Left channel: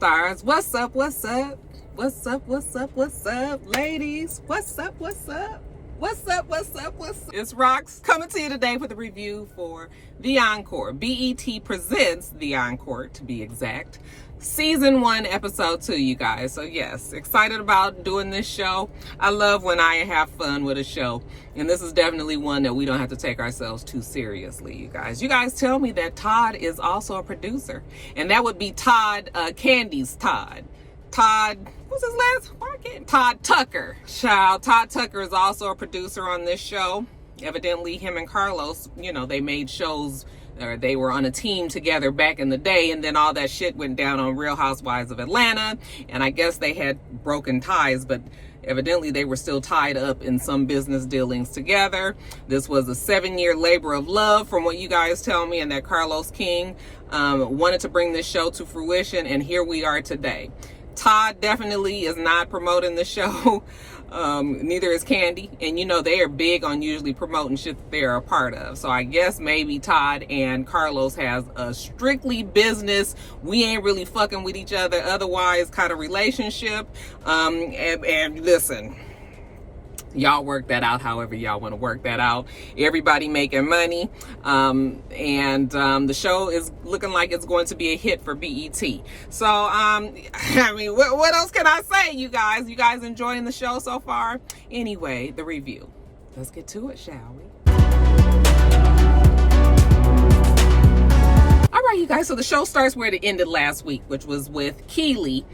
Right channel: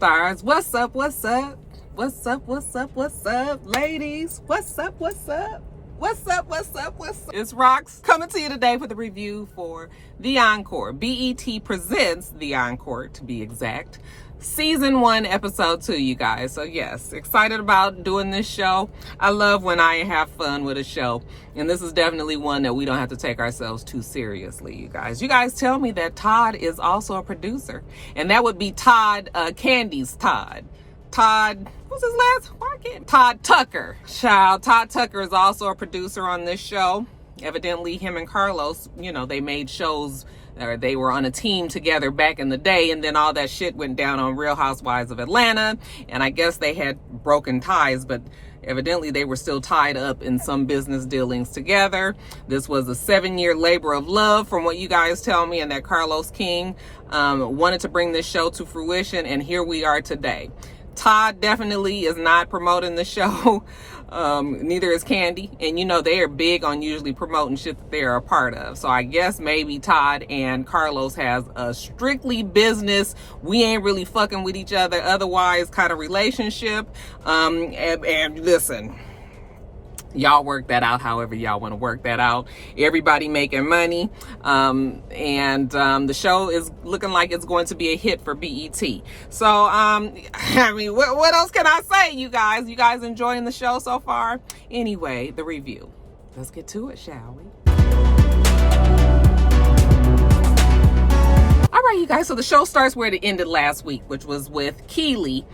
stars. What's up, what's up? What's up, what's up, what's up, ladies? What's up, what's up? What's up, what's up, what's up? It's Rox coming to you today with a review for The Encore. BET presents The Encore, to be exact. Season 1, episode 2, you guys. So yes, excited about doing this show. I love when I have fun with a show. And this is definitely one that we don't have to take ourselves too seriously, you guys. You guys tell me that Todd is also a producer. And that would be Todd, Candy's Todd. Todd, what's his last? Why can't Todd Tucker. Child, Todd Tucker is also a producer on this show. Evidently, him and Carlos, you know, they made shows, or they were on a team together back in the day, and then all that shit went down on Real Housewives of Atlanta, and I guess they had broken ties, but evidently they were still tied up in some business dealings together. This was a 7-year labor of love from what you guys tell me, and that Carlos King wanted to bring this show to fruition, and here we are today. Todd definitely is not promoting the show. Neither is Candy. And you know, they are big on usually promoting shit that they're a part of. So I guess maybe Todd and Carlos has a strictly business, we ain't really fucking with each other otherwise kind of relationship. And listen, y'all work that out however y'all want to work that out. Everybody making money. The show is looking like it's going to be a hit for BET. So, I mean, what else can I say, you guys? You guys enjoying the show so far? Anyway, the review. Let's get to it, shall we? All right, you guys. So the show starts where it ended last week, which was with Keely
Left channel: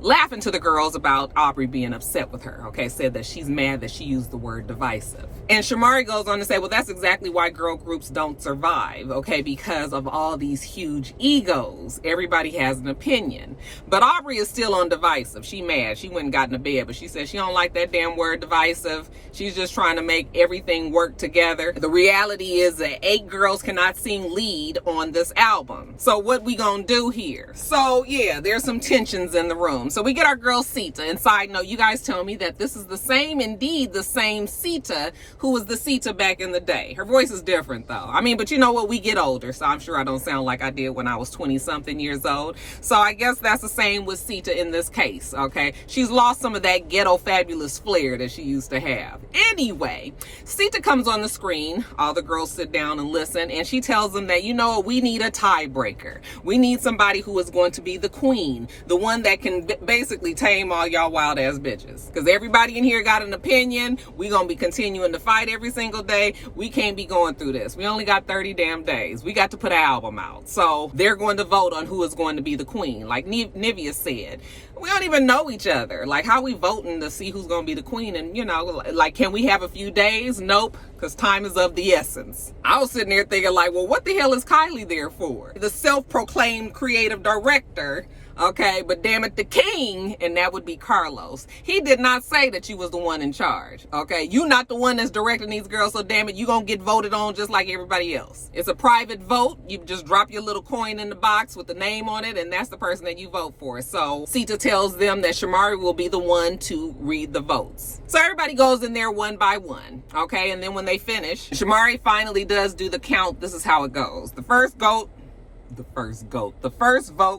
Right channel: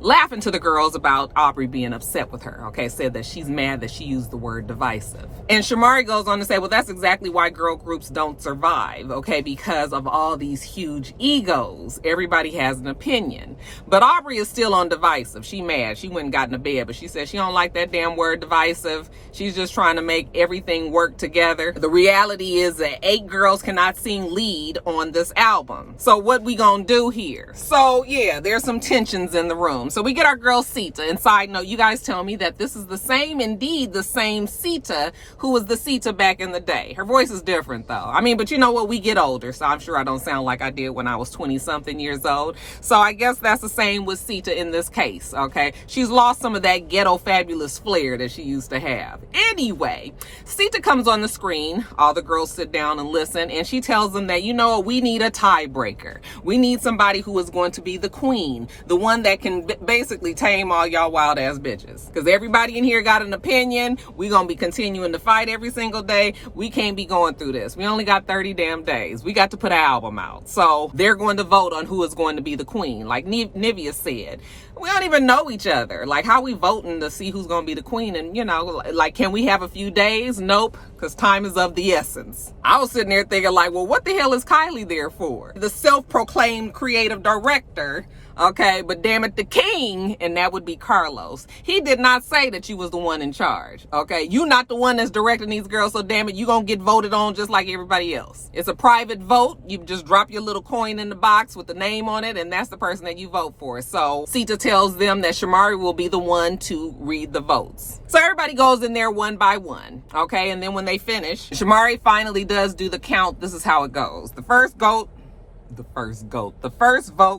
laughing to the girls about Aubrey being upset with her, okay? Said that she's mad that she used the word divisive. And Shamari goes on to say, well, that's exactly why girl groups don't survive, okay? Because of all these huge egos. Everybody has an opinion. But Aubrey is still on divisive. She mad. She went and got in the bed, but she said she don't like that damn word divisive. She's just trying to make everything work together. The reality is that 8 girls cannot sing lead on this album. So what we gonna do here? So yeah, there's some tensions in the room. So we get our girl Sita. And side note, you guys tell me that this is the same Sita who was the Sita back in the day. Her voice is different though. I mean, but you know what? We get older, so I'm sure I don't sound like I did when I was 20-something years old. So I guess that's the same with Sita in this case, okay? She's lost some of that ghetto fabulous flair that she used to have. Anyway, Sita comes on the screen. All the girls sit down and listen, and she tells them that, you know, we need a tiebreaker. We need somebody who is going to be the queen, the one that can basically tame all y'all wild ass bitches. Because everybody in here got an opinion. We gonna be continuing to fight every single day. We can't be going through this. We only got 30 damn days. We got to put an album out. So they're going to vote on who is going to be the queen. Like Nivea said, we don't even know each other. Like, how we voting to see who's gonna be the queen? And you know, like, can we have a few days? Nope, because time is of the essence. I was sitting there thinking like, well, what the hell is Kylie there for? The self-proclaimed creative director. Okay, but damn it, the king, and that would be Carlos. He did not say that you was the one in charge, okay? You not the one that's directing these girls, so damn it, you gonna get voted on just like everybody else. It's a private vote. You just drop your little coin in the box with the name on it, and that's the person that you vote for. So Sita tells them that Shamari will be the one to read the votes. So everybody goes in there one by one, okay? And then when they finish, Shamari finally does do the count. This is how it goes. The first vote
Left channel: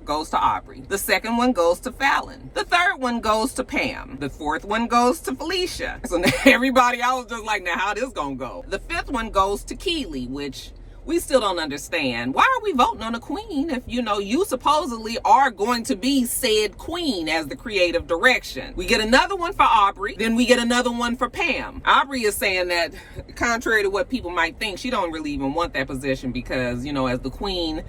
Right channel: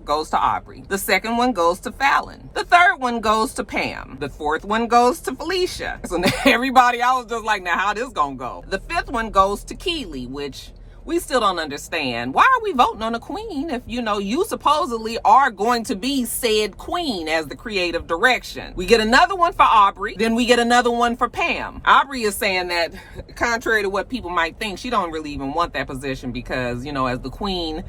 goes to Aubrey. The second one goes to Fallon. The third one goes to Pam. The fourth one goes to Felicia. So now everybody, I was just like, now how this gonna go? The fifth one goes to Keely, which we still don't understand. Why are we voting on a queen if, you know, you supposedly are going to be said queen as the creative direction? We get another one for Aubrey, then we get another one for Pam. Aubrey is saying that, contrary to what people might think, she don't really even want that position because, you know, as the queen,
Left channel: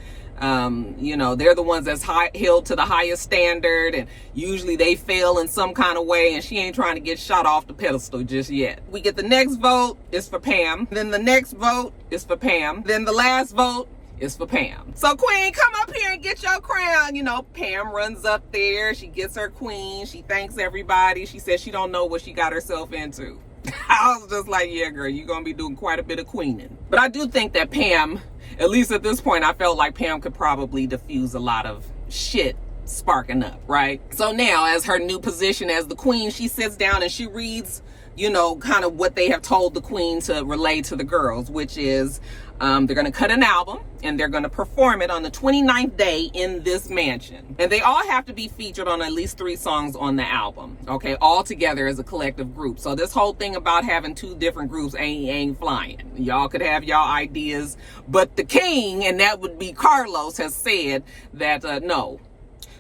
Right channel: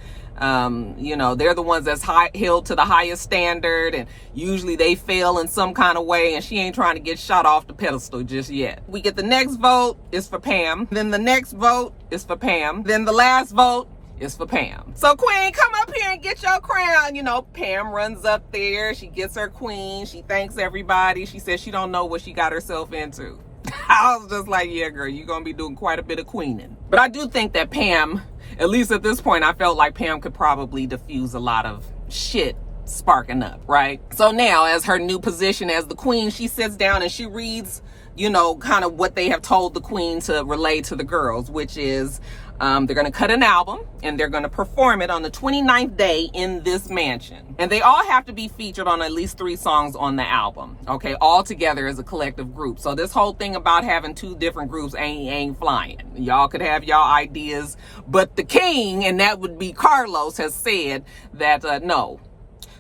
you know, they're the ones that's held to the highest standard, and usually they fail in some kind of way, and she ain't trying to get shot off the pedestal just yet. We get the next vote is for Pam, then the next vote is for Pam, then the last vote is for Pam. So queen, come up here and get your crown. You know, Pam runs up there, she gets her queen, she thanks everybody, she says she don't know what she got herself into. I was just like, yeah girl, you're gonna be doing quite a bit of queening. But I do think that Pam, at least at this point, I felt like Pam could probably diffuse a lot of shit sparking up, right? So now, as her new position as the queen, she sits down and she reads, you know, kind of what they have told the queen to relay to the girls, which is They're going to cut an album and they're going to perform it on the 29th day in this mansion. And they all have to be featured on at least 3 songs on the album, okay, all together as a collective group. So this whole thing about having 2 different groups ain't flying. Y'all could have y'all ideas, but the king, and that would be Carlos, has said that no,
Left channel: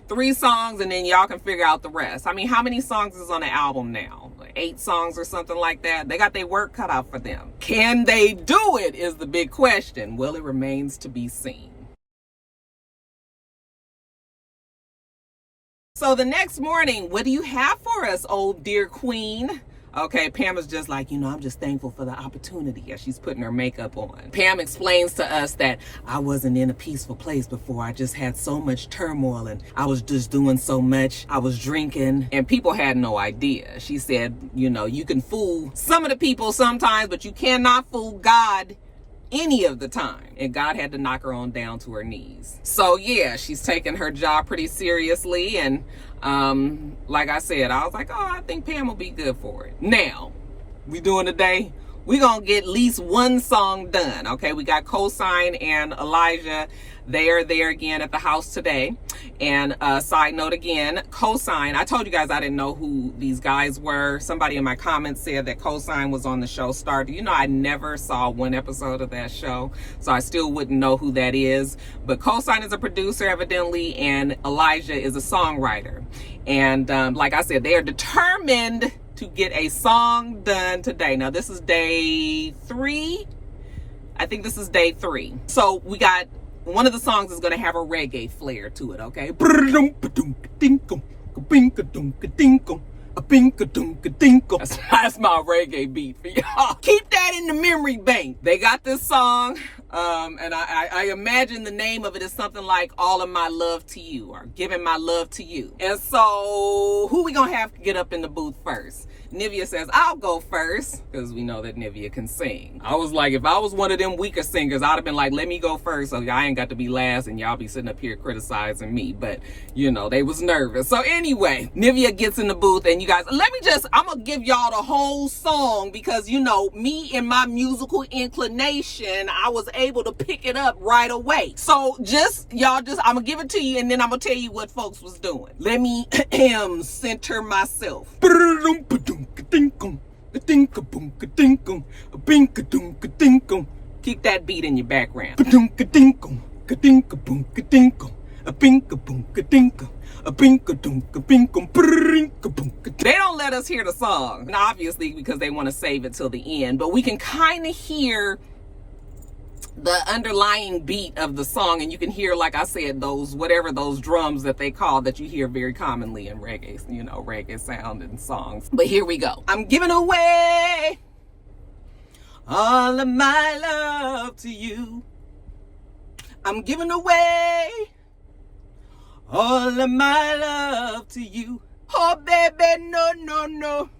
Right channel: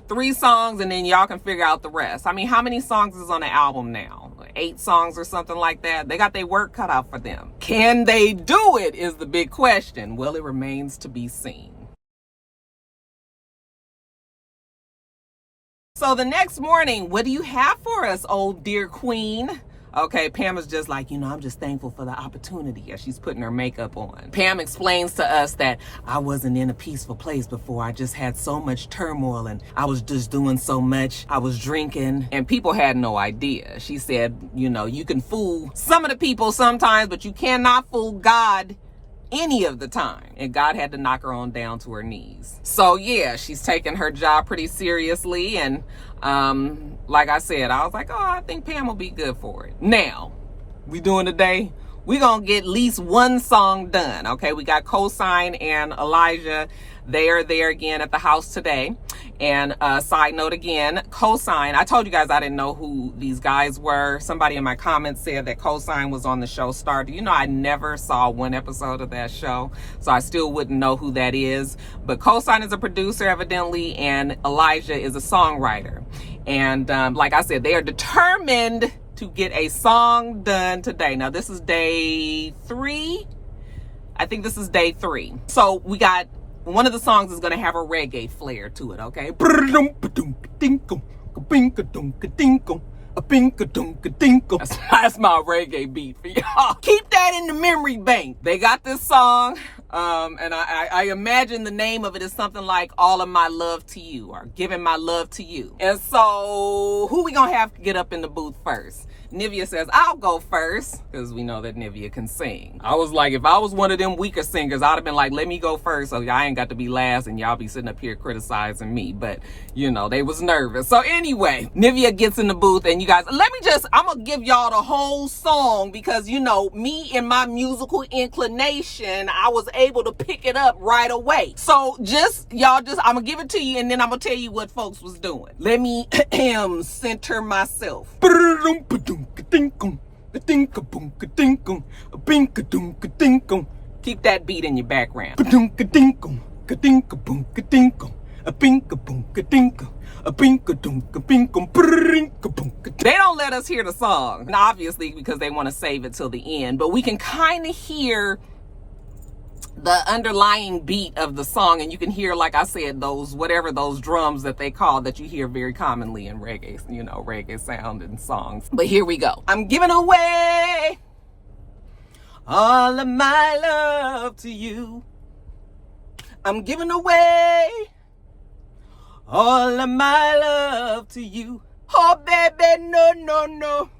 3 songs and then y'all can figure out the rest. I mean, how many songs is on the album now? 8 songs or something like that. They got their work cut out for them. Can they do it is the big question. Well, it remains to be seen. So the next morning, what do you have for us, old dear queen? Okay, Pam is just like, I'm just thankful for the opportunity as she's putting her makeup on. Pam explains to us that I wasn't in a peaceful place before. I just had so much turmoil and I was just doing so much. I was drinking and people had no idea. She said, you can fool some of the people sometimes, but you cannot fool God any of the time. And God had to knock her on down to her knees. So yeah, she's taking her job pretty seriously. And like I said, I was like, I think Pam will be good for it. Now, we doing today, we gonna get at least 1 song done. Okay, we got Cosign and Elijah. They are there again at the house today. And side note again, Cosign, I told you guys I didn't know who these guys were. Somebody in my comments said that Cosign was on the show Star. I never saw 1 episode of that show, so I still wouldn't know who that is. But Cosign is a producer evidently, and Elijah is a songwriter. And like I said, they are determined to get a song done today. Now this is day 3. I think this is day 3. So we got, one of the songs is going to have a reggae flair to it, okay? That's my reggae beat for y'all. Keep that in the memory bank. They got this song, and I imagine the name of it is something like All of My Love to You, or Giving My Love to You. And so, who we gonna have to get up in the booth first? Nivea says, I'll go first, because we know that Nivea can sing. I was like, if I was one of them weaker singers, I'd have been like, let me go first, so y'all ain't got to be last, and y'all be sitting up here criticizing me. But, they was nervous. So anyway, Nivea gets in the booth, and you guys, I'm going to give y'all the whole song, because, me and my musical inclination, I was able to pick it up right away. So I'm going to give it to you, and then I'm going to tell you what folks was doing. Let me center myself. Keep that beat in your background. They don't let us hear the song, obviously, because they want to save it till the end, but we can kind of hear the underlying beat of the song, and you can hear, like I said, those drums that they call, that you hear very commonly in reggae, reggae sound and songs. But here we go. I'm giving away all of my love to you. I'm giving away all of my love to you. Oh baby, no, no, no.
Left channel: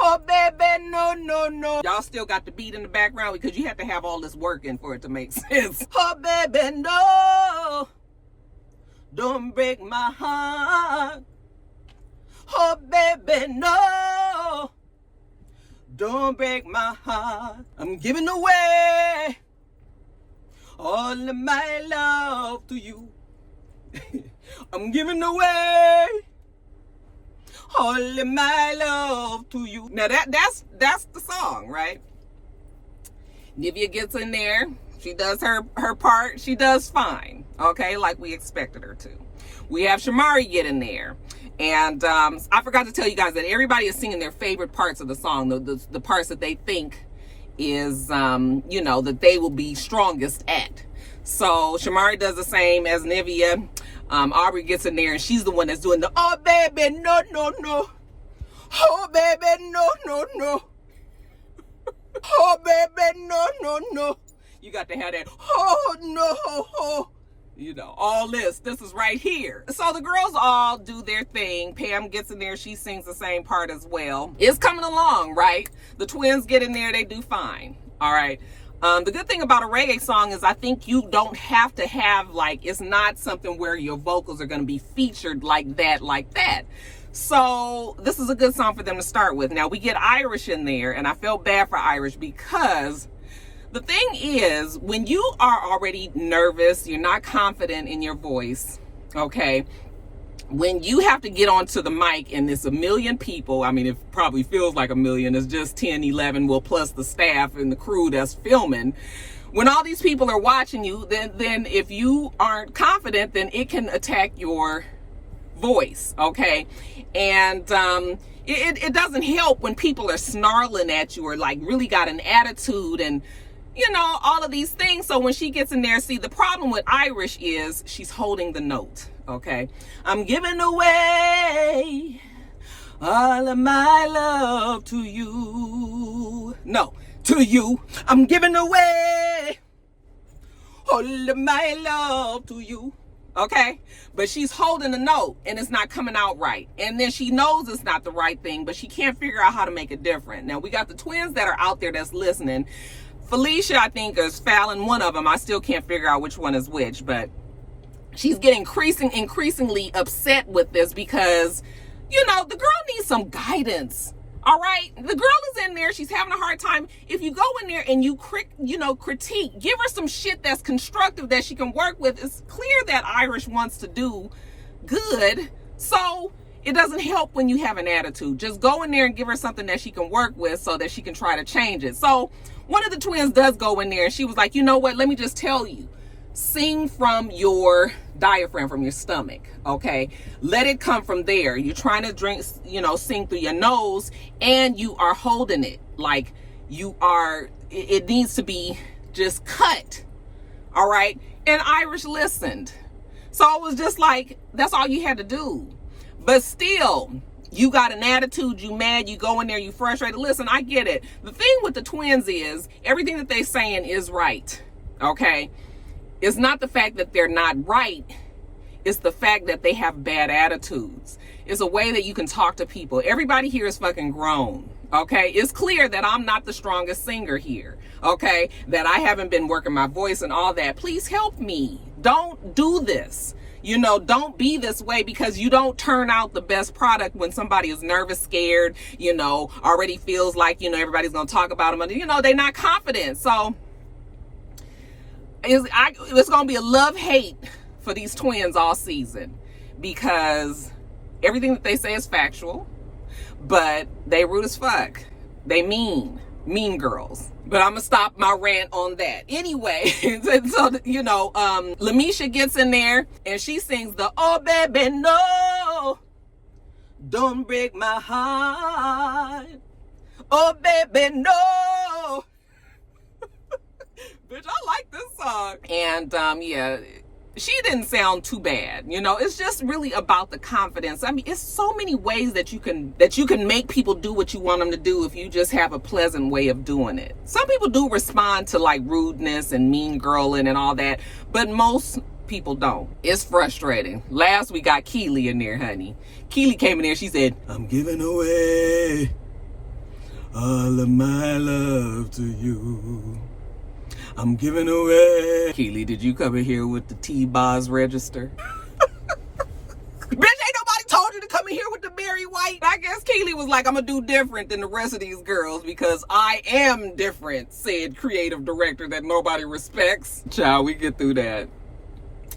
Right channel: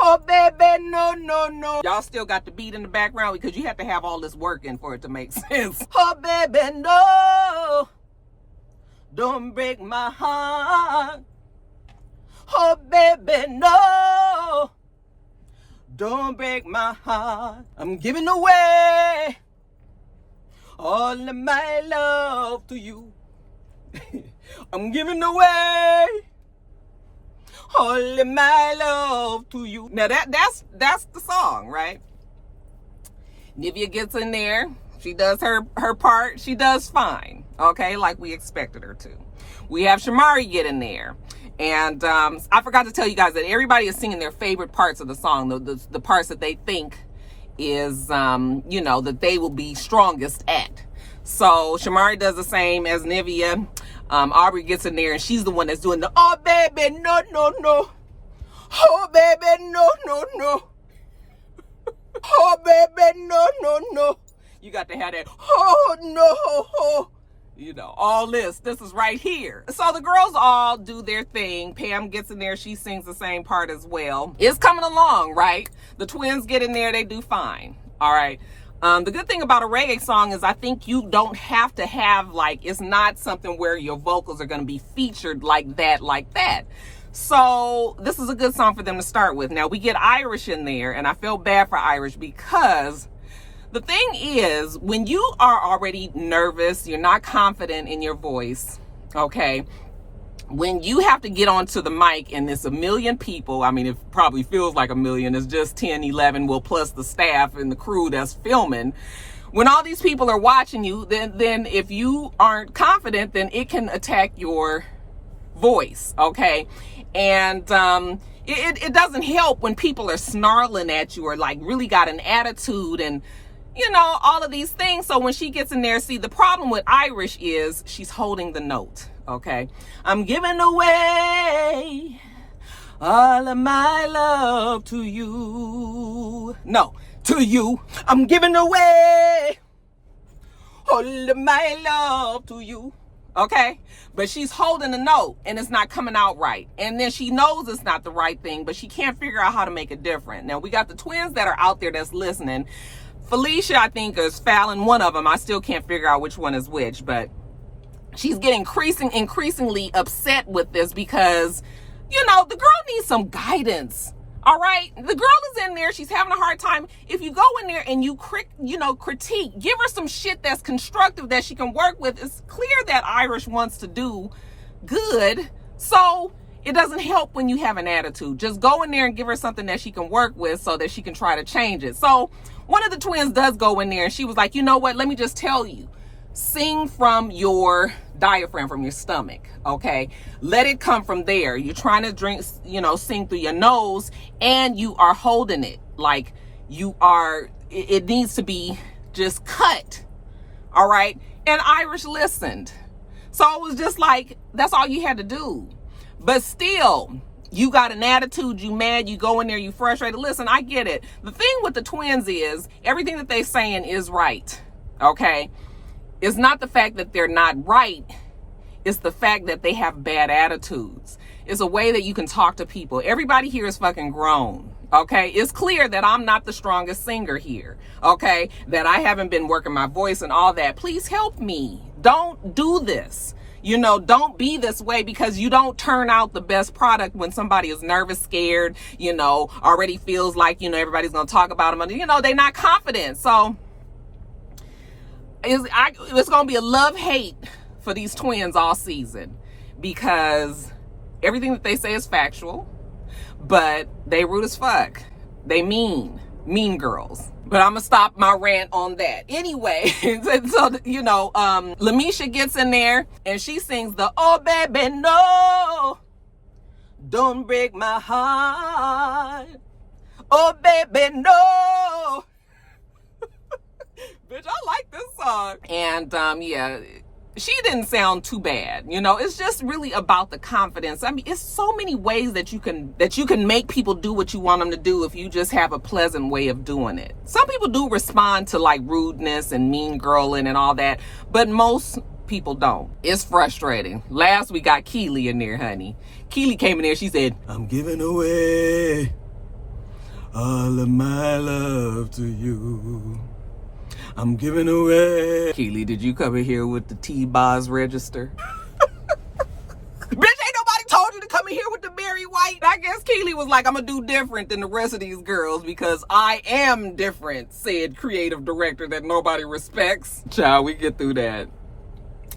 Oh, baby, no, no, no. Y'all still got the beat in the background because you have to have all this work in for it to make sense. Oh, baby, no. Don't break my heart. Oh, baby, no. Don't break my heart. I'm giving away all of my love to you. I'm giving away all of my love to you. Now that's the song, right? Nivea gets in there. She does her part. She does fine, okay, like we expected her to. We have Shamari get in there. And I forgot to tell you guys that everybody is singing their favorite parts of the song, the parts that they think is, that they will be strongest at. So Shamari does the same as Nivea. Aubrey gets in there and she's the one that's doing the, oh baby, no, no, no. Oh baby, no, no, no. Oh baby, no, no, no. You got to have that, oh no, oh. All this is right here. So the girls all do their thing. Pam gets in there, she sings the same part as well. It's coming along, right? The twins get in there, they do fine. All right. The good thing about a reggae song is I think you don't have to have, it's not something where your vocals are going to be featured like that. So this is a good song for them to start with. Now we get Irish in there, and I feel bad for Irish because The thing is, when you are already nervous, you're not confident in your voice, okay? When you have to get onto the mic and there's a million people, I mean, it probably feels like a million, it's just 10, 11, well, plus the staff and the crew that's filming. When all these people are watching you, then if you aren't confident, then it can attack your voice, okay? And it doesn't help when people are snarling at you or like really got an attitude and, you know, all of these things. So when she gets in there, see, the problem with Irish is she's holding the note, okay? I'm giving away all of my love to you. No, to you. I'm giving away all of my love to you, okay? But she's holding the note and it's not coming out right. And then she knows it's not the right thing, but she can't figure out how to make it different. Now, we got the twins that are out there that's listening. Felicia, I think, is Fallon, one of them. I still can't figure out which one is which, but she's getting increasingly upset with this because, you know, the girl needs some guidance. All right, the girl is in there. She's having a hard time. If you go in there and you critique, give her some shit that's constructive that she can work with. It's clear that Irish wants to do good. So it doesn't help when you have an attitude. Just go in there and give her something that she can work with so that she can try to change it. So one of the twins does go in there and she was like, you know what? Let me just tell you. Sing from your diaphragm, from your stomach, okay? Let it come from there. You're trying to drink, you know, sing through your nose and you are holding it like you are, it needs to be just cut, all right? And Irish listened. So it was just like, that's all you had to do. But still, you got an attitude, you mad, you go in there, you frustrated. Listen, I get it. The thing with the twins is everything that they're saying is right, okay? It's not the fact that they're not right. It's the fact that they have bad attitudes. It's a way that you can talk to people. Everybody here is fucking grown, okay? It's clear that I'm not the strongest singer here, okay? That I haven't been working my voice and all that. Please help me. Don't do this. You know, don't be this way because you don't turn out the best product when somebody is nervous, scared, you know, already feels like, you know, everybody's going to talk about them. You know, they're not confident. So it's going to be a love-hate for these twins all season because everything that they say is factual, but they rude as fuck. They mean girls. But I'm going to stop my rant on that. Anyway, so, you know, Lamisha gets in there and she sings the, oh, baby, no, don't break my heart. Oh, baby, no. Bitch, I like this song. And yeah, she didn't sound too bad. You know, it's just really about the confidence. I mean, it's so many ways that you can make people do what you want them to do if you just have a pleasant way of doing it. Some people do respond to like rudeness and mean girling and all that, but most people don't. It's frustrating. Last we got Keely in there, honey. Keely came in there, she said, I'm giving away all of my love to you. I'm giving away. Keely, did you come in here with the T-Boz register? Bitch, ain't nobody told you to come in here with the Mary White. I guess Keely was like, I'm gonna do different than the rest of these girls because I am different, said creative director that nobody respects. Child, we get through that.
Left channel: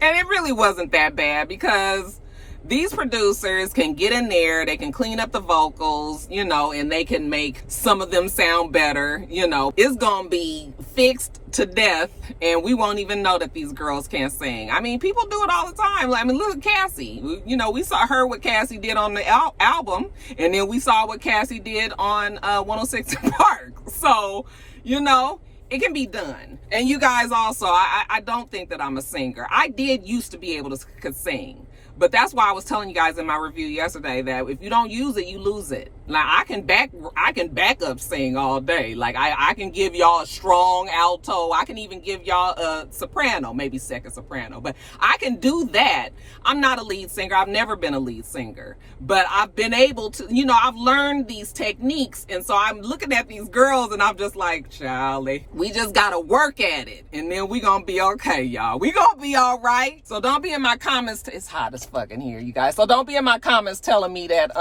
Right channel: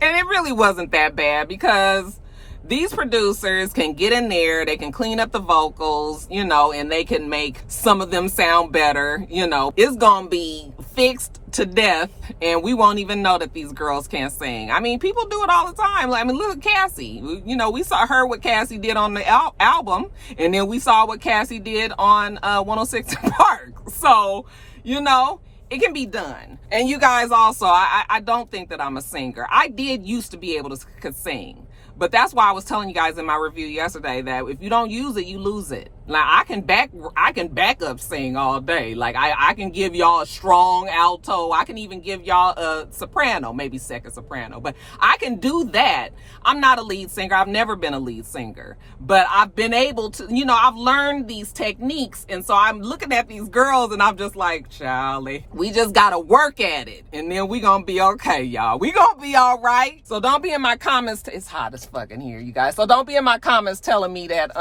And it really wasn't that bad because these producers can get in there, they can clean up the vocals, you know, and they can make some of them sound better, you know. It's gonna be fixed to death and we won't even know that these girls can't sing. I mean, people do it all the time. I mean, look at Cassie. You know, we saw her what Cassie did on the album, and then we saw what Cassie did on 106 Park. So, you know, it can be done. And you guys also, I don't think that I'm a singer. I did used to be able to could sing. But that's why I was telling you guys in my review yesterday that if you don't use it, you lose it. Now I can back up sing all day. Like I can give y'all a strong alto. I can even give y'all a soprano, maybe second soprano, but I can do that. I'm not a lead singer. I've never been a lead singer, but I've been able to, you know, I've learned these techniques. And so I'm looking at these girls and I'm just like, Charlie, we just got to work at it. And then we going to be okay, y'all. We going to be all right. So don't be in my comments. It's hot as fucking here, you guys. So don't be in my comments telling me that,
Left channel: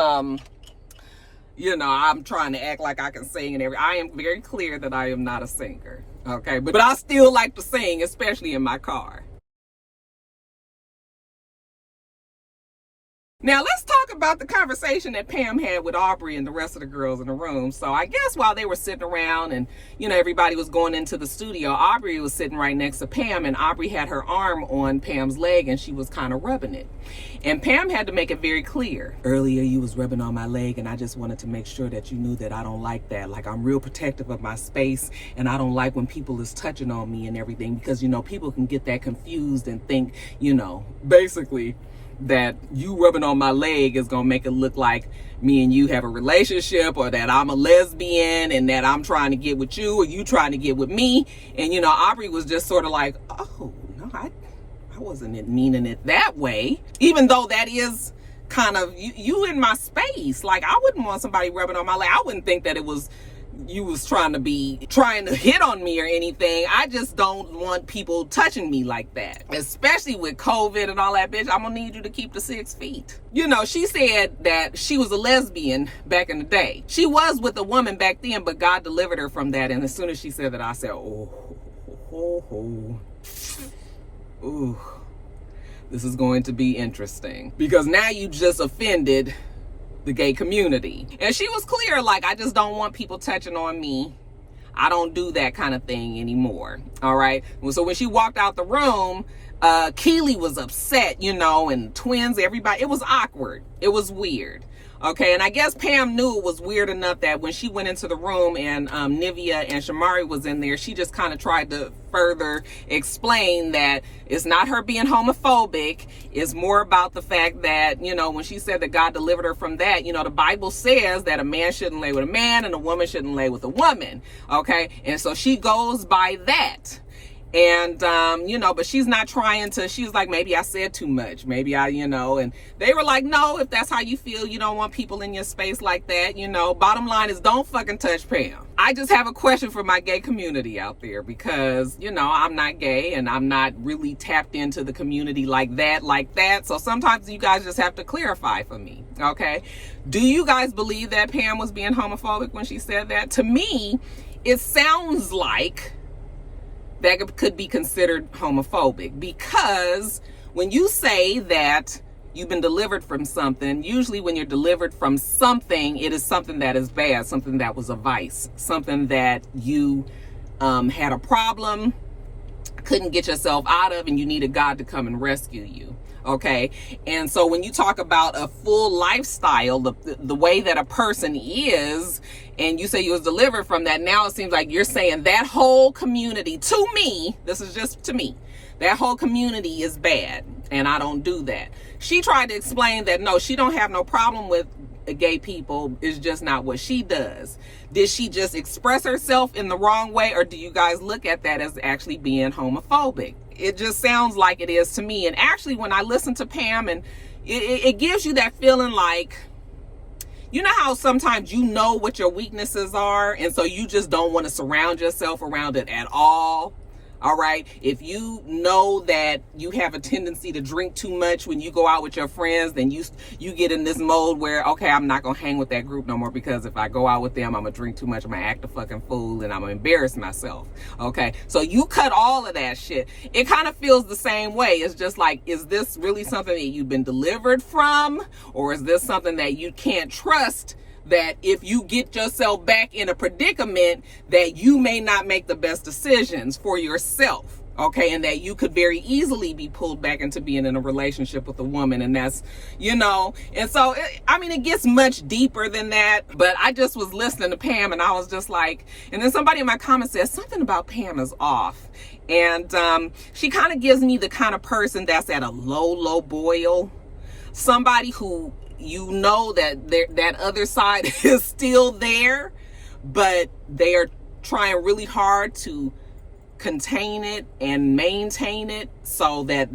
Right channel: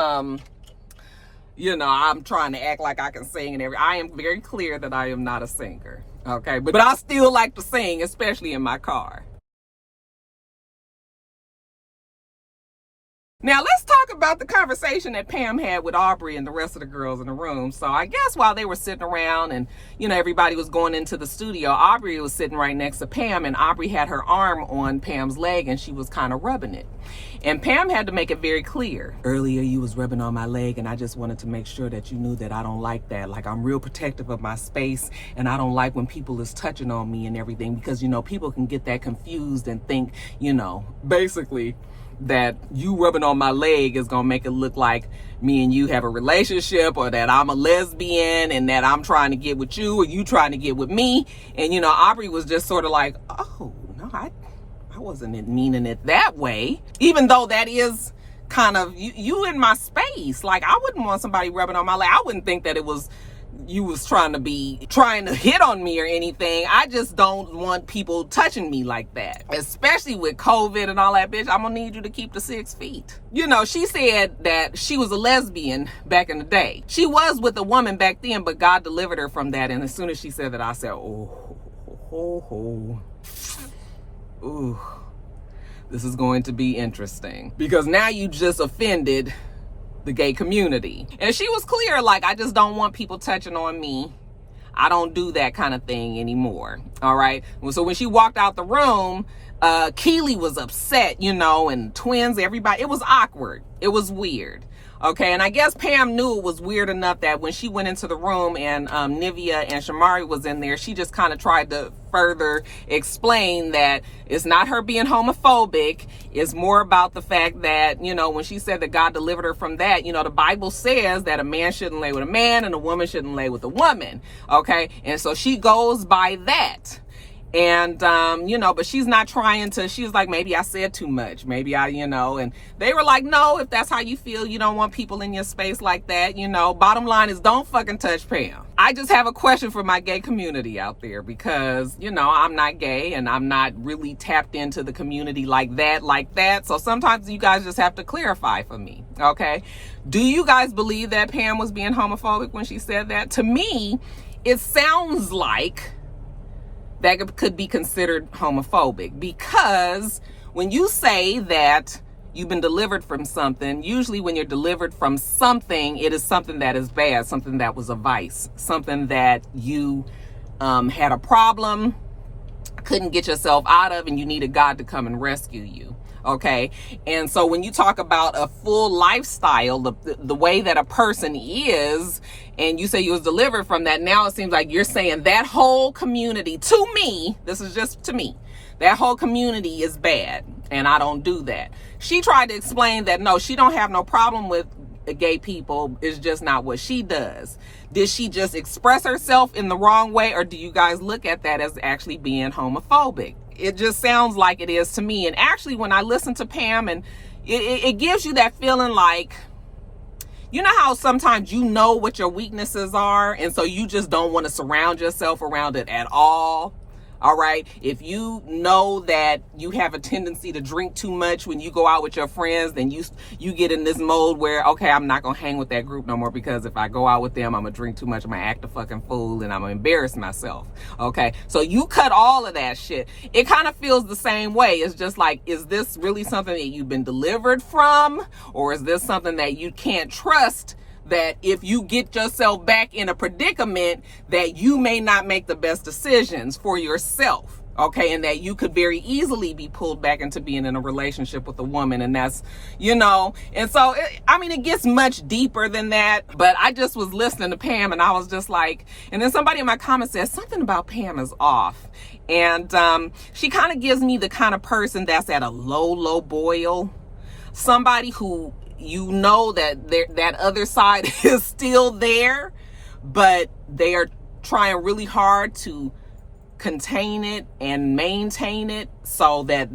you know, I'm trying to act like I can sing and everything. I am very clear that I am not a singer, okay? But I still like to sing, especially in my car. Now, let's talk about the conversation that Pam had with Aubrey and the rest of the girls in the room. So I guess while they were sitting around and, you know, everybody was going into the studio, Aubrey was sitting right next to Pam, and Aubrey had her arm on Pam's leg and she was kind of rubbing it. And Pam had to make it very clear. Earlier, you was rubbing on my leg, and I just wanted to make sure that you knew that I don't like that. Like, I'm real protective of my space, and I don't like when people is touching on me and everything, because, you know, people can get that confused and think, you know, basically that you rubbing on my leg is gonna make it look like me and you have a relationship, or that I'm a lesbian and that I'm trying to get with you or you trying to get with me. And, you know, Aubrey was just sort of like, oh, no, I wasn't meaning it that way. Even though that is kind of you in my space. Like, I wouldn't want somebody rubbing on my leg. I wouldn't think that it was you was trying to hit on me or anything. I just don't want people touching me like that, especially with COVID and all that. Bitch, I'm gonna need you to keep the 6 feet. You know, she said that she was a lesbian back in the day. She was with a woman back then, but God delivered her from that. And as soon as she said that, I said, ooh, this is going to be interesting, because now you just offended the gay community. And she was clear, like, I just don't want people touching on me. I don't do that kind of thing anymore. All right. So when she walked out the room, Keely was upset, you know, and twins, everybody, it was awkward. It was weird. Okay, and I guess Pam knew it was weird enough that when she went into the room and Nivea and Shamari was in there, she just kind of tried to further explain that it's not her being homophobic. It's more about the fact that, you know, when she said that God delivered her from that, you know, the Bible says that a man shouldn't lay with a man and a woman shouldn't lay with a woman. Okay, and so she goes by that. And, you know, but she's not trying to, she's like, maybe I said too much. Maybe you know, and they were like, no, if that's how you feel, you don't want people in your space like that. You know, bottom line is don't fucking touch Pam. I just have a question for my gay community out there, because, you know, I'm not gay and I'm not really tapped into the community like that. So sometimes you guys just have to clarify for me. Okay. Do you guys believe that Pam was being homophobic when she said that? To me, it sounds like that could be considered homophobic, because when you say that you've been delivered from something, usually when you're delivered from something, it is something that is bad, something that was a vice, something that you had a problem, couldn't get yourself out of, and you needed God to come and rescue you. Okay. And so when you talk about a full lifestyle, the way that a person is, and you say you was delivered from that, now it seems like you're saying that whole community, to me, this is just to me, that whole community is bad, and I don't do that. She tried to explain that, no, she don't have no problem with gay people. It's just not what she does. Did she just express herself in the wrong way, or do you guys look at that as actually being homophobic? It just sounds like it is to me. And actually, when I listen to Pam, and it gives you that feeling like, you know how sometimes you know what your weaknesses are, and so you just don't want to surround yourself around it at all. All right. If you know that you have a tendency to drink too much when you go out with your friends, then you get in this mode where, okay, I'm not going to hang with that group no more, because if I go out with them, I'm going to drink too much, I'm going to act a fucking fool, and I'm going to embarrass myself. Okay. So you cut all of that shit. It kind of feels the same way. It's just like, is this really something that you've been delivered from? Or is this something that you can't trust, that if you get yourself back in a predicament, that you may not make the best decisions for yourself, okay? And that you could very easily be pulled back into being in a relationship with a woman. And that's, you know, and so, it gets much deeper than that. But I just was listening to Pam, and I was just like, and then somebody in my comments said, something about Pam is off. And she kind of gives me the kind of person that's at a low boil. Somebody who, you know, that other side is still there, but they are trying really hard to contain it and maintain it, so that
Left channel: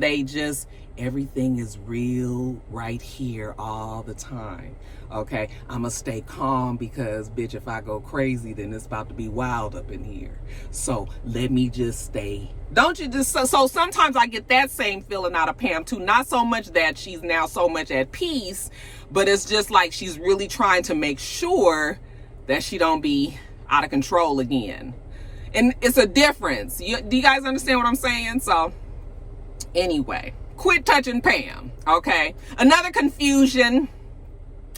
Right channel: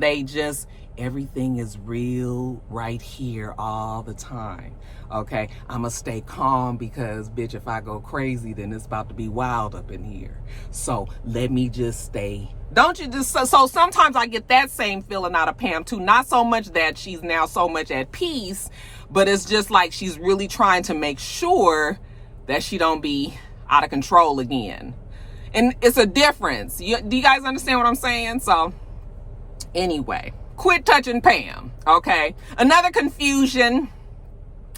everything is real right here all the time. Okay, I'm gonna stay calm, because bitch, if I go crazy, then it's about to be wild up in here. So let me just stay. Don't you just, so sometimes I get that same feeling out of Pam too. Not so much that she's now so much at peace, but it's just like she's really trying to make sure that she don't be out of control again. And it's a difference. Do you guys understand what I'm saying? So anyway, quit touching Pam, okay? Another confusion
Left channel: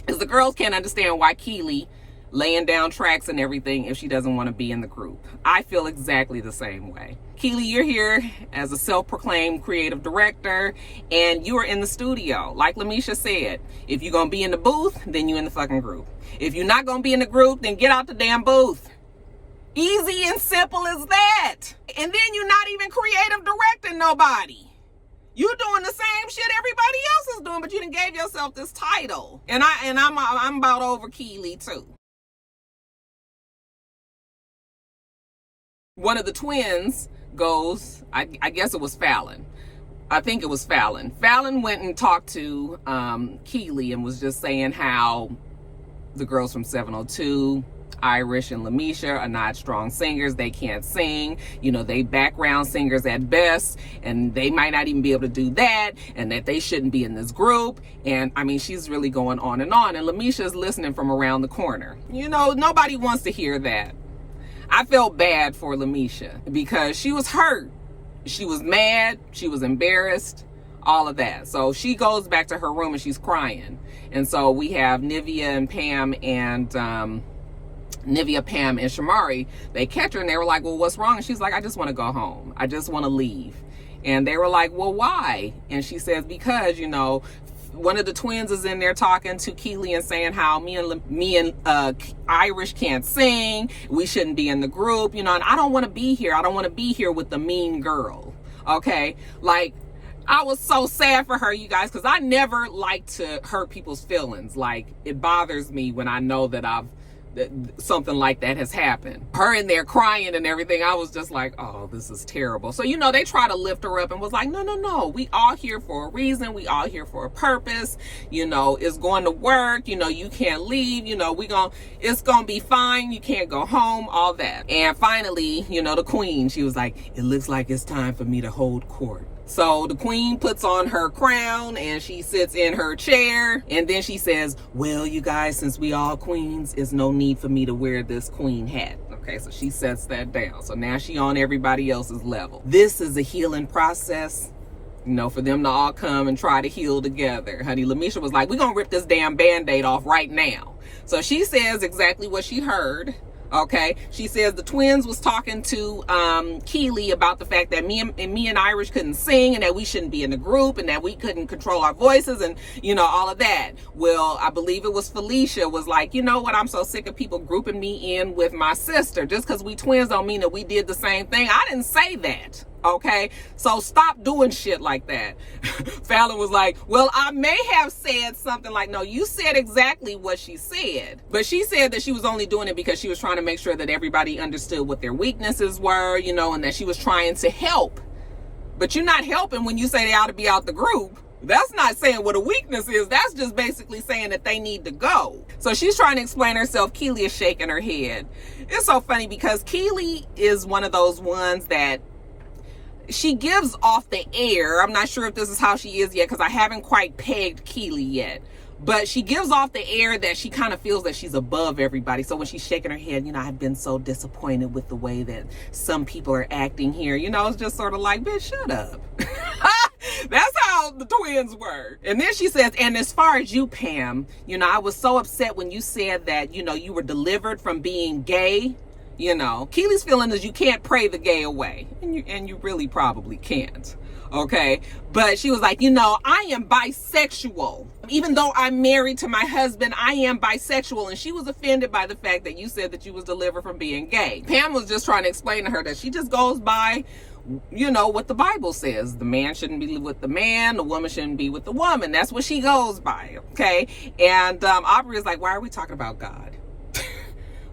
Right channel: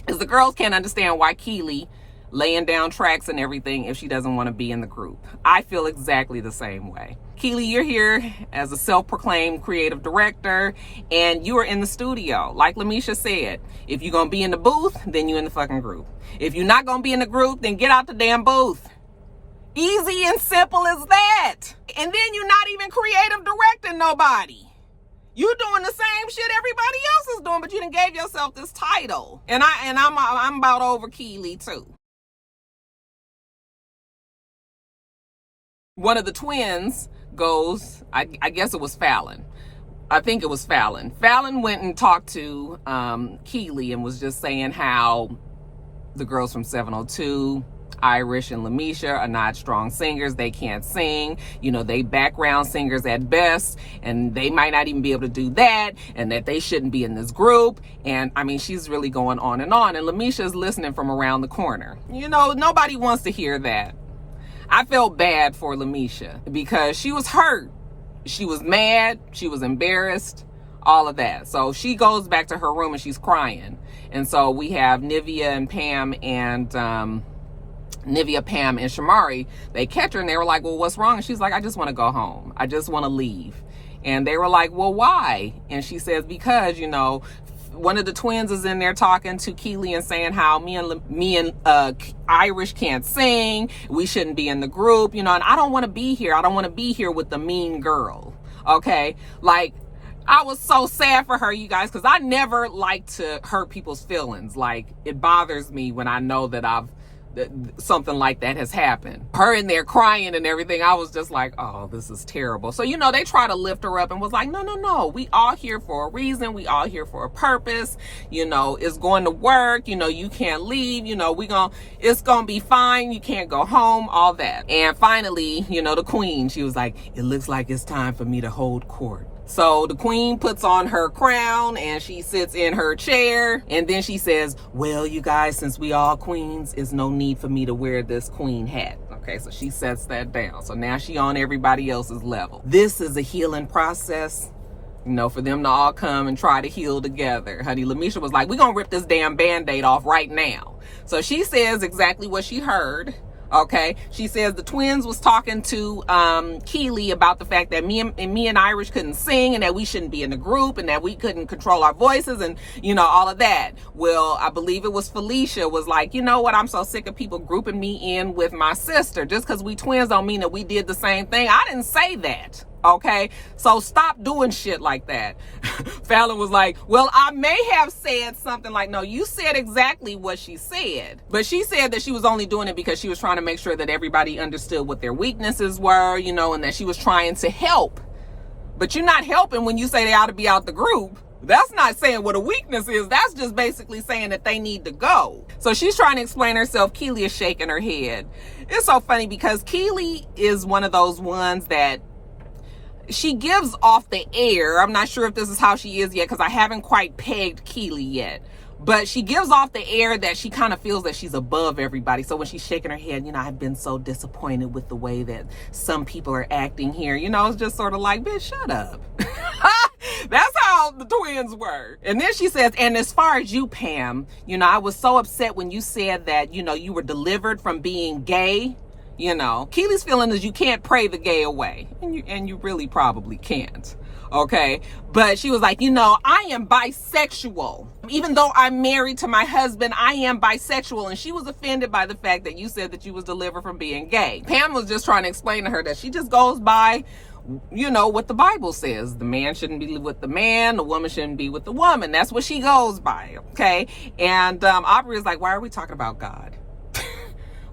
is the girls can't understand why Keely laying down tracks and everything if she doesn't want to be in the group. I feel exactly the same way. Keely, you're here as a self-proclaimed creative director, and you are in the studio. Like Lamisha said, if you're going to be in the booth, then you're in the fucking group. If you're not going to be in the group, then get out the damn booth. Easy and simple as that. And then you're not even creative directing nobody. You doing the same shit everybody else is doing, but you done gave yourself this title. And I'm about over Keely too. One of the twins goes, I guess it was Fallon. I think it was Fallon. Fallon went and talked to Keely and was just saying how the girls from 702, Irish and Lamisha, are not strong singers. They can't sing. You know, they background singers at best, and they might not even be able to do that, and that they shouldn't be in this group. And I mean, she's really going on. And Lamisha's listening from around the corner. You know, nobody wants to hear that. I felt bad for Lamisha because she was hurt. She was mad. She was embarrassed. All of that. So she goes back to her room and she's crying. And so we have Nivea and Pam and Shamari. They catch her and they were like, well, what's wrong? And she's like, I just want to go home. I just want to leave. And they were like, well, why? And she says, because, you know, one of the twins is in there talking to Keely and saying how me and Irish can't sing. We shouldn't be in the group, you know, and I don't want to be here. I don't want to be here with the mean girl. Okay. Like, I was so sad for her, you guys, because I never like to hurt people's feelings. Like, it bothers me when I know that something like that has happened. Her in there crying and everything, I was just like, oh, this is terrible. So, you know, they try to lift her up and was like, no, we all here for a reason. We all here for a purpose. You know, it's going to work. You know, you can't leave. You know, it's going to be fine. You can't go home, all that. And finally, you know, the queen, she was like, it looks like it's time for me to hold court. So the queen puts on her crown and she sits in her chair, and then she says, well, you guys, since we all queens, it's no need for me to wear this queen hat. Okay, so she sets that down. So now she on everybody else's level. This is a healing process, you know, for them to all come and try to heal together. Honey, Lamisha was like, we're going to rip this damn Band-Aid off right now. So she says exactly what she heard. Okay, she says the twins was talking to Keely about the fact that me and Irish couldn't sing, and that we shouldn't be in the group, and that we couldn't control our voices, and you know, all of that. Well, I believe it was Felicia was like, you know what, I'm so sick of people grouping me in with my sister. Just because we twins don't mean that we did the same thing. I didn't say that. Okay, so stop doing shit like that. Fallon was like, well, I may have said something like, no, you said exactly what she said. But she said that she was only doing it because she was trying to make sure that everybody understood what their weaknesses were, you know, and that she was trying to help. But you're not helping when you say they ought to be out the group. That's not saying what a weakness is. That's just basically saying that they need to go. So she's trying to explain herself. Keely is shaking her head. It's so funny because Keely is one of those ones that she gives off the air. I'm not sure if this is how she is yet because I haven't quite pegged Keely yet. But she gives off the air that she kind of feels that she's above everybody. So when she's shaking her head, you know, I've been so disappointed with the way that some people are acting here. You know, it's just sort of like, bitch, shut up. That's how the twins were. And then she says, and as far as you, Pam, you know, I was so upset when you said that, you know, you were delivered from being gay. You know, Keely's feeling is you can't pray the gay away. And you really probably can't. Okay. But she was like, you know, I am bisexual. Even though I'm married to my husband, I am bisexual. And she was offended by the fact that you said that you was delivered from being gay. Pam was just trying to explain to her that she just goes by, you know, what the Bible says. The man shouldn't be with the man. The woman shouldn't be with the woman. That's what she goes by. Okay. And Aubrey is like, why are we talking about God?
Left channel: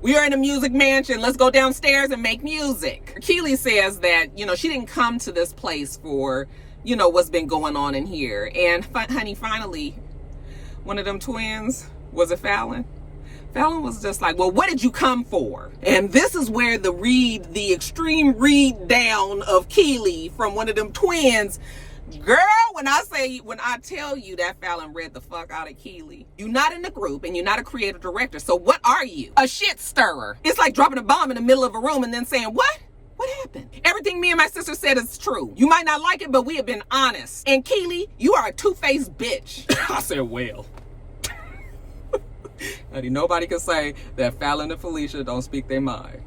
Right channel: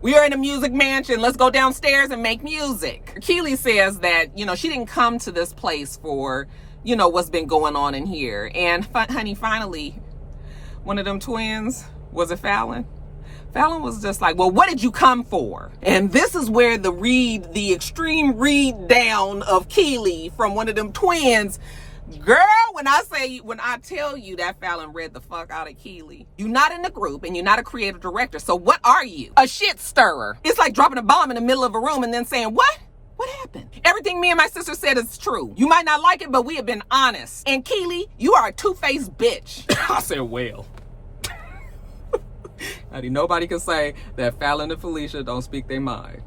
We are in a music mansion. Let's go downstairs and make music. Keely says that, you know, she didn't come to this place for, you know, what's been going on in here. And honey, finally, one of them twins, was it Fallon? Fallon was just like, well, what did you come for? And this is where the extreme read down of Keely from one of them twins Girl, when I tell you that Fallon read the fuck out of Keely. You're not in the group and you're not a creative director. So what are you? A shit stirrer. It's like dropping a bomb in the middle of a room and then saying, what? What happened? Everything me and my sister said is true. You might not like it, but we have been honest. And Keely, you are a two-faced bitch. I said, well. Nobody can say that Fallon and Felicia don't speak their mind.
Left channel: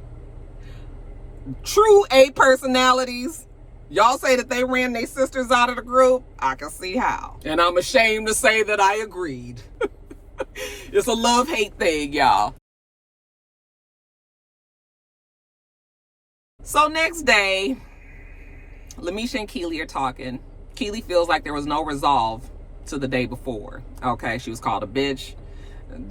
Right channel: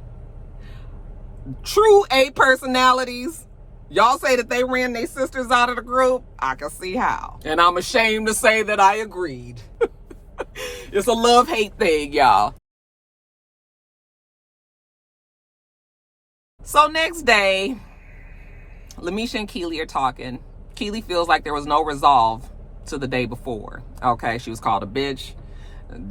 True A personalities. Y'all say that they ran their sisters out of the group. I can see how. And I'm ashamed to say that I agreed. It's a love-hate thing, y'all. So next day, Lamisha and Keely are talking. Keely feels like there was no resolve to the day before. Okay, she was called a bitch.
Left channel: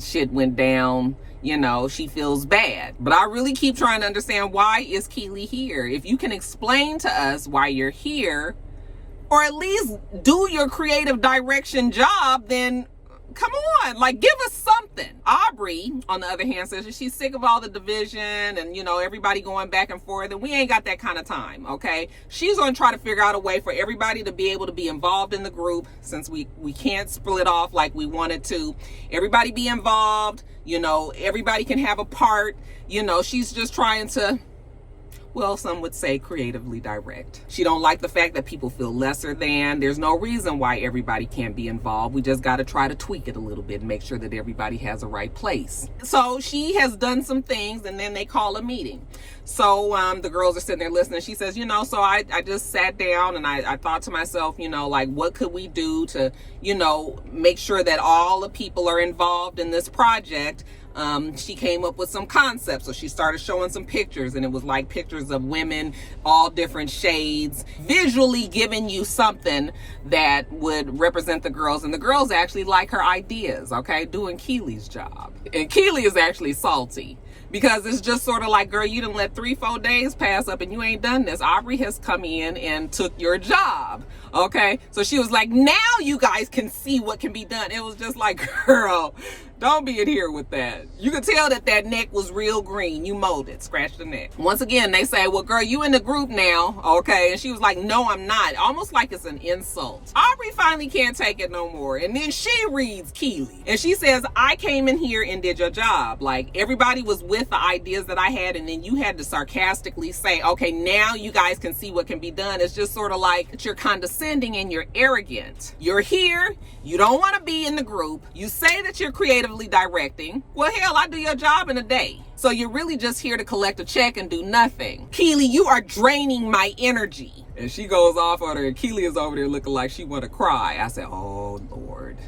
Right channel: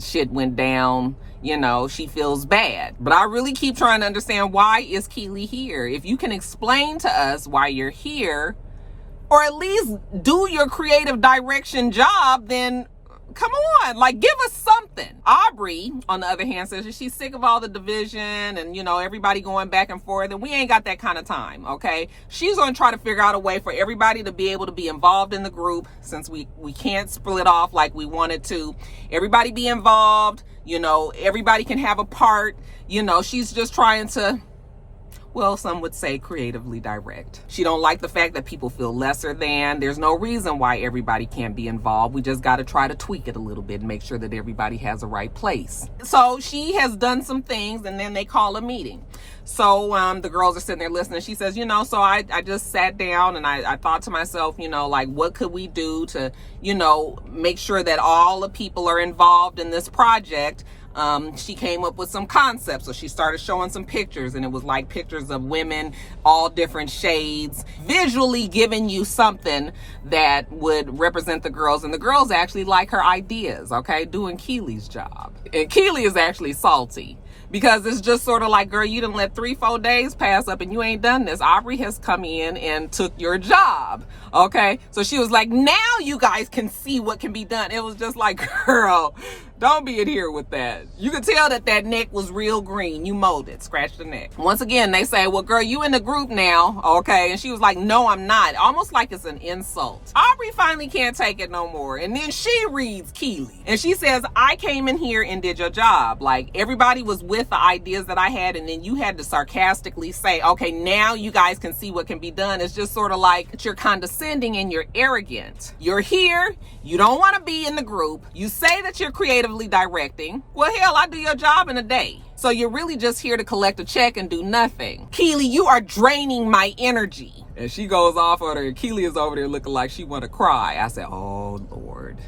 Shit went down. You know, she feels bad. But I really keep trying to understand, why is Keely here? If you can explain to us why you're here, or at least do your creative direction job, then come on, like, give us something. Aubrey, on the other hand, says she's sick of all the division and, you know, everybody going back and forth, and we ain't got that kind of time, okay? She's going to try to figure out a way for everybody to be able to be involved in the group, since we can't split off like we wanted to. Everybody be involved, you know, everybody can have a part. You know, she's just trying to, well, some would say creatively direct. She don't like the fact that people feel lesser than. There's no reason why everybody can't be involved. We just got to try to tweak it a little bit and make sure that everybody has the right place. So she has done some things, and then they call a meeting. So the girls are sitting there listening. She says, you know, so I just sat down and I thought to myself, you know, like, what could we do to, you know, make sure that all the people are involved in this project? She came up with some concepts. So she started showing some pictures, and it was like pictures of women, all different shades, visually giving you something that would represent the girls. And the girls actually like her ideas, okay, doing Keely's job. And Keely is actually salty, because it's just sort of like, girl, you done let 3-4 days pass up and you ain't done this. Aubrey has come in and took your job. Okay. So she was like, now you guys can see what can be done. It was just like, girl, don't be in here with that. You could tell that that neck was real green. You mowed it, scratched the neck. Once again, they say, well, girl, you in the group now. Okay. And she was like, no, I'm not. Almost like it's an insult. Aubrey finally can't take it no more. And then she reads Keely and she says, I came in here and did your job. Like, everybody was with the ideas that I had, and then you had to sarcastically say, okay, now you guys can see what can be done. It's just sort of like you're condescending and you're arrogant. You're here. You don't want to be in the group. You say that you're creatively directing. Well, hell, I do your job in a day. So you're really just here to collect a check and do nothing. Keely, you are draining my energy. And she goes off on her. Keely is over there looking like she want to cry. I said, oh, Lord.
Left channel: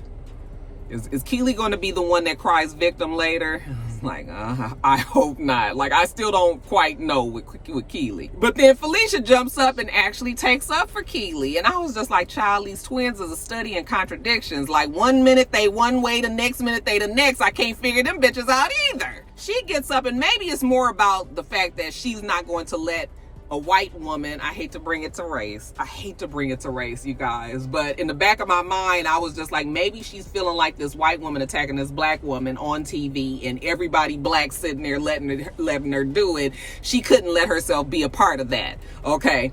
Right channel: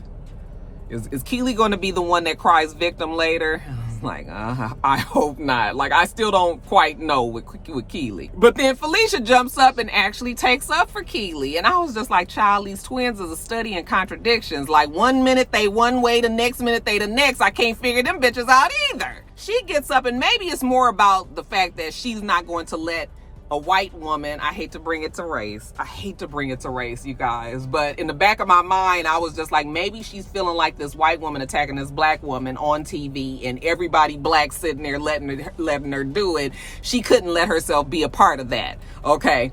Is Keely going to be the one that cries victim later? Like, I hope not. Like, I still don't quite know with Keely. But then Felicia jumps up and actually takes up for Keely. And I was just like, child, these twins is a study in contradictions. Like, 1 minute they one way, the next minute they the next. I can't figure them bitches out either. She gets up, and maybe it's more about the fact that she's not going to let a white woman, I hate to bring it to race. I hate to bring it to race, you guys. But in the back of my mind, I was just like, maybe she's feeling like this white woman attacking this black woman on TV, and everybody black sitting there letting her do it. She couldn't let herself be a part of that. Okay.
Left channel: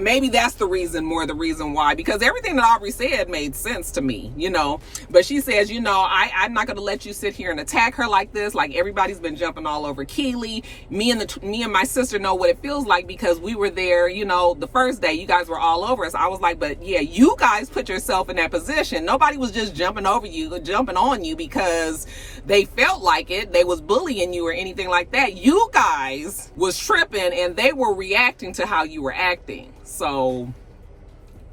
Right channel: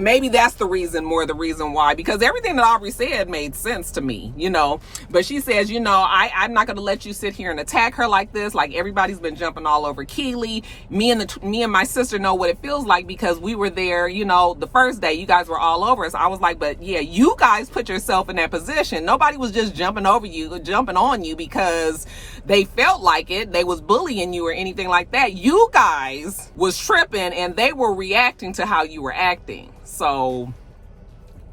Maybe that's the reason, more the reason why, because everything that Aubrey said made sense to me, you know. But she says, you know, I'm not going to let you sit here and attack her like this. Like, everybody's been jumping all over Keely. Me and my sister know what it feels like, because we were there, you know, the first day. You guys were all over us. I was like, but yeah, you guys put yourself in that position. Nobody was just jumping on you because they felt like it. They was bullying you or anything like that. You guys was tripping, and they were reacting to how you were acting. So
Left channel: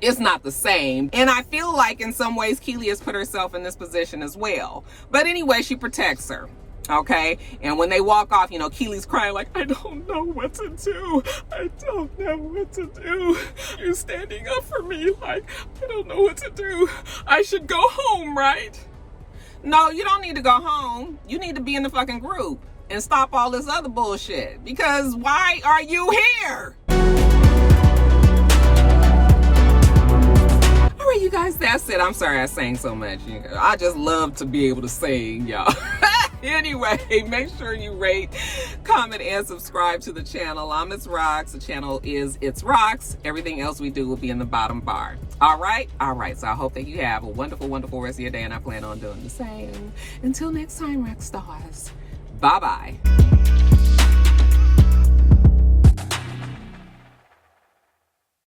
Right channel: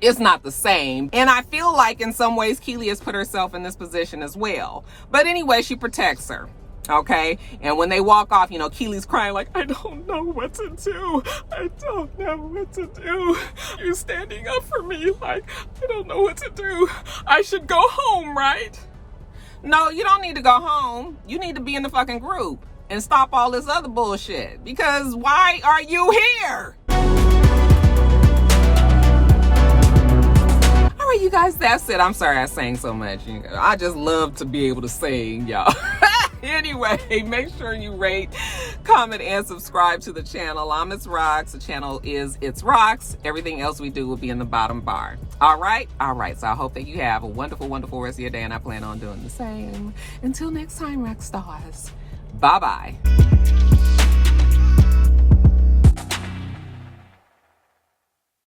it's not the same. And I feel like in some ways Keely has put herself in this position as well. But anyway, she protects her. Okay. And when they walk off, you know, Keely's crying like, I don't know what to do. I don't know what to do. You're standing up for me. Like, I don't know what to do. I should go home, right? No, you don't need to go home. You need to be in the fucking group and stop all this other bullshit. Because why are you here? All right, you guys, that's it. I'm sorry I sang so much. I just love to be able to sing, y'all. Anyway, make sure you rate, comment, and subscribe to the channel. I'm itsrox. The channel is itsrox. Everything else we do will be in the bottom bar. All right? All right. So I hope that you have a wonderful, wonderful rest of your day, and I plan on doing the same. Until next time, rock stars. Bye-bye.